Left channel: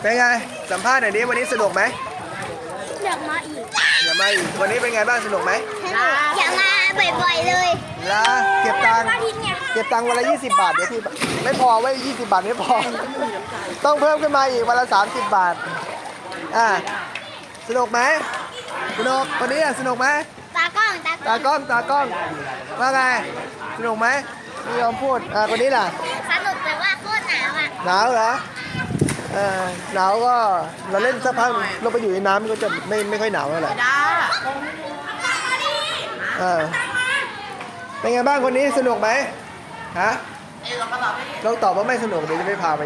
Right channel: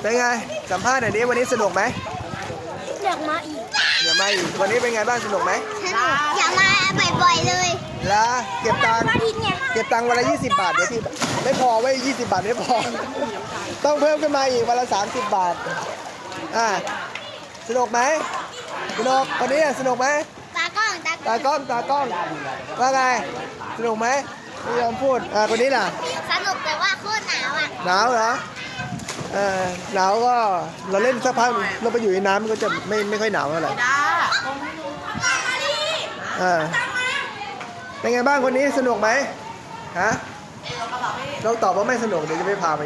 เป็นไงสัมภาษณ์หน่อยดิวันนี้สนุกไหมอยากมาอีกวันนี้เป็นไงบ้างสนุกไหมอยากมาบ่อยๆเลยแล้วเก็บตังค์วันละ20 บาทเดี๋ยวพี่ไม่พอไว้20 บาทไม่พอต้องเพิ่มขึ้นมาอีกวันละ30 บาทสนุกไหมสนุกวันนี้สนุกไหมตากล้องว่าไงสนุกไหมไม่ยอมพูดคนนี้ล่ะสนุกแต่ว่าโคตรหนาวอ่ะหนาวเหรอหนาวก็เราเล่นสักพักเราไปอยู่ในน้ำก็จะไม่ค่อยหนาวเท่าไหร่เป็นไงบ้างคนนี้สนุกไหมฮะเราตอบว่าไม่สนุกเดี๋ยวจะไม่พาไป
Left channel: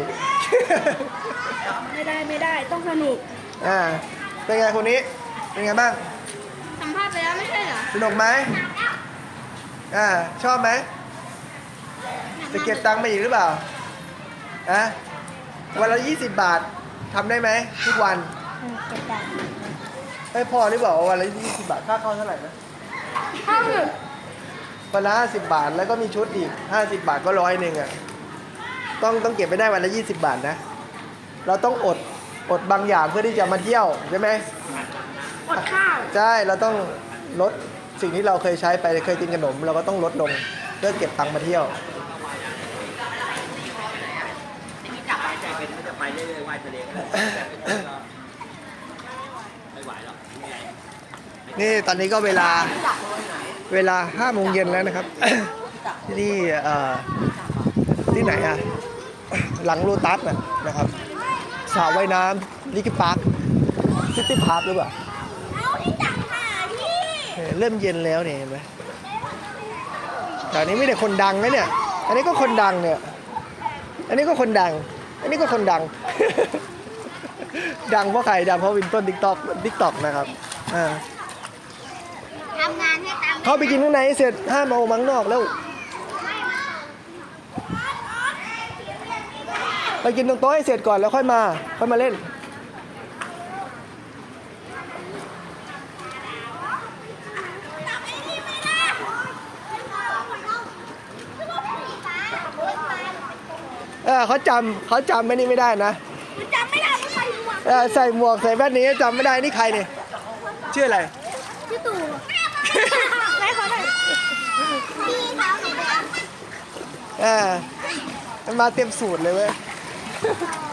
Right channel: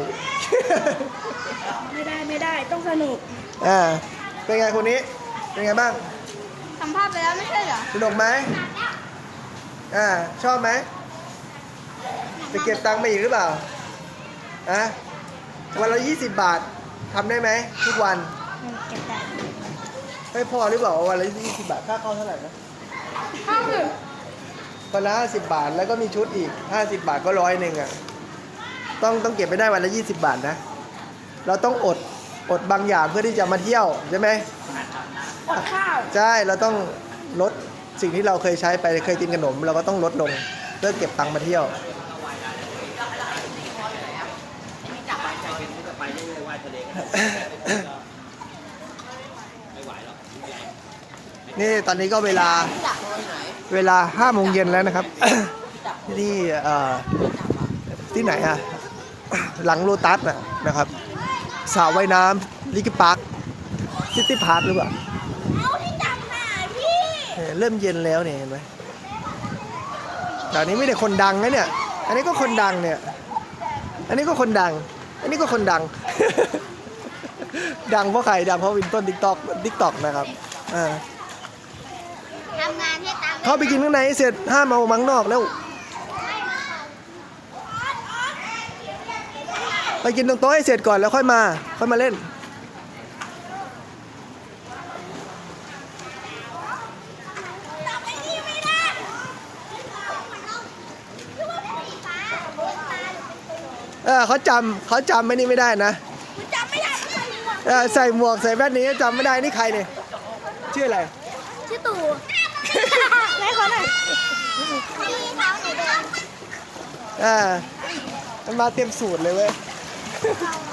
ไม่ได้ต้องสนุกเป็นไงคนนี้เป็นไงบ้างสัมภาษณ์ไปแล้วไม่ใช่เหรอสนุกไหมชอบไหมจะเก็บตังค์มาอีกหรือเปล่าวันละ20 บาททำได้ไหมทุกวันเก็บได้ไม่พอหรือเปล่าวันละ20 บาทค่าเข้าเท่าไหร่นะวันละ50 บาทแล้วก็มีชุดอีก50 บาทก็100ต้องเก็บไปได้วันละ20 บาทนะเราต้องอดบางอย่างเพื่อที่จะมาเที่ยวใช่ไหมอดข้าวใช่เราต้องลดสิ่งที่เราเคยใช้ไปเคยกินขนมเราก็ต้องลดลงเพื่อเก็บตังค์มาเที่ยวนี่ตอนนี้ก็เวลา5 โมงเย็นแล้วนะครับที่ที่ไหนหลังโลตัสนะครับสระว่ายน้ำลิกิพาร์คซิตี้พาร์คหรือเปล่าเริ่มเย็นแล้วเนี่ยเห็นไหมแต่นี้ไม่ได้คนดังนะเนี่ยอันนี้ก็คนดังเนี่ยอันนี้ก็คนดังดังเพราะใครดังเพราะวินต้นติ๊กต็อกนะครับทำงานให้ตังค์เขาไปกินข้างในเสร็จห้ามเอามังนอกแล้วไปกินตรงโต๊ะให้เสร็จก่อนแล้วค่อยมาเล่นเขาจำไม่นี่ไม่ได้นะจำไม่ได้ใส่หมวกใส่แว่นนี้จำไม่ได้นี่ใครเนี่ยชื่ออะไรชื่อตู่ไงคนไหนพี่เท้าหนูแดงมันมาเต็มสูตรเลยเว้ย